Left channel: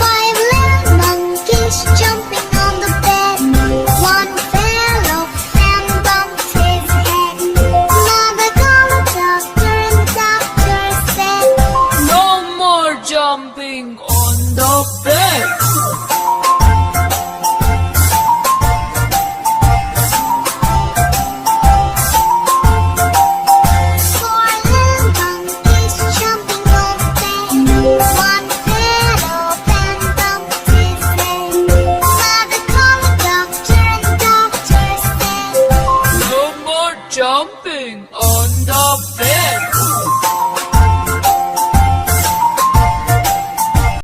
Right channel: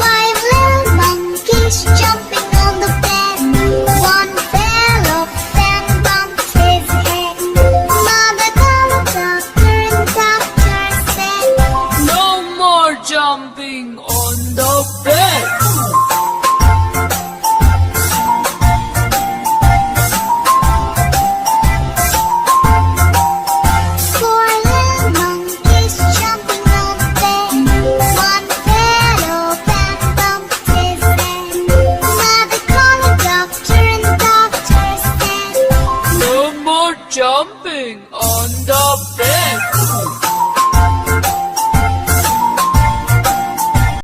Five little monkeys jumping on the bed. One fell off and bumped his head. Mother called the doctor and doctor said, No more jumping on the bed.